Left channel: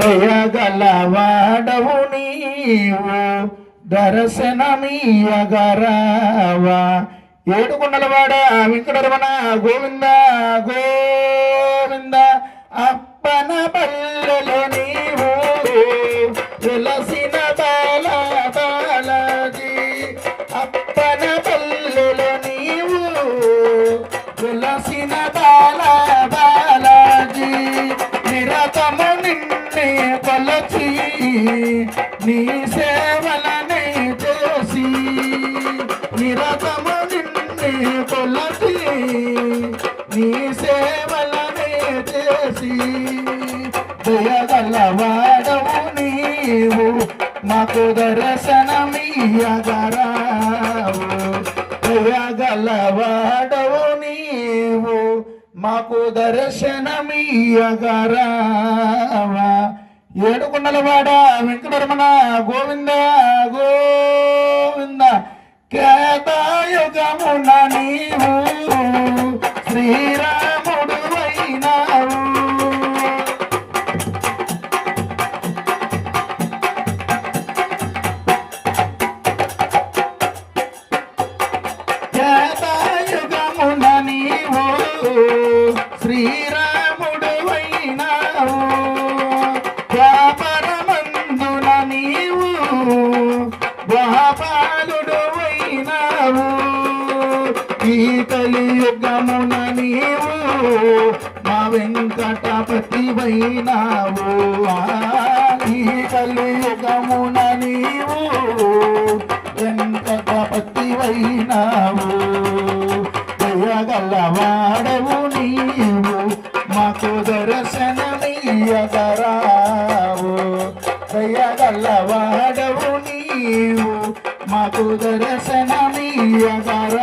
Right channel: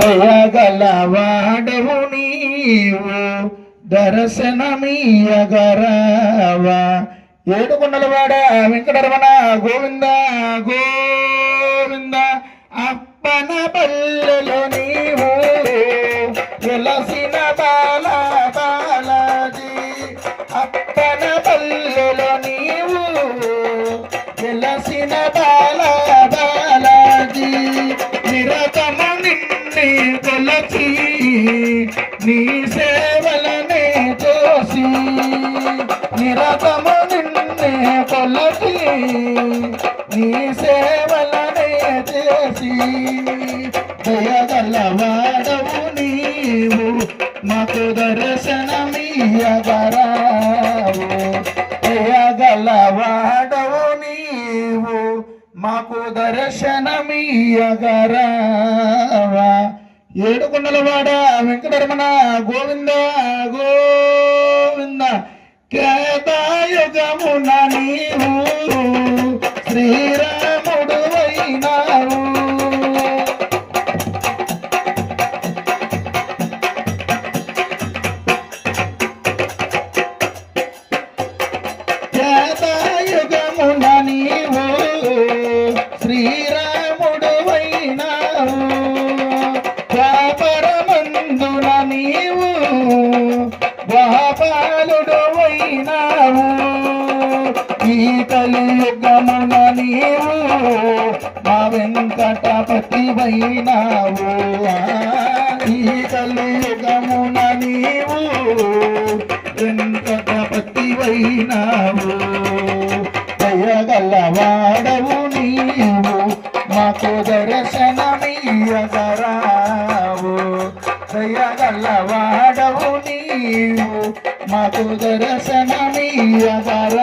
దయగలవాడవు నీవు దర్శనమీయగరావా. ఏడుకొండలవాడ వెంకటరమణ గోవింద గోవింద. అప్పన పల్లెలు నీవు వెలసిన బాలా బాలాజీ. అప్పన పల్లెలు నీవు వెలసిన బాలా బాలాజీ. నిరతమ నిన్నే కొలచి నీ సేవలనే చేసి. నిరతమ నిన్నే కొలచి నీ సేవలనే చేసి. దయగలవాడవు నీవు మాకు దర్శనమీయగరావు. దయగలవాడవు నీవు మాకు దర్శనమీయగరావా. ఏడుకొండలవాడ వెంకటరమణ గోవింద గోవింద. కేదాయుగమున నీవు శ్రీరాముడు అయినావు. కేదాయుగమున నీవు శ్రీరాముడు అయినావు. ద్వాపరమందున నీవు ద్వాపాలుడు అయినావు. ఈ కలియుగమున నీవు మా వెంకటపతి అయినావు. ఈ కలియుగమున నీవు వెంకటపతి అయినావు. దయగలవాడవు నీవు మాకు దర్శనమీయగరావు. దయగలవాడవు నీవు మాకు దర్శనమీయగరావు.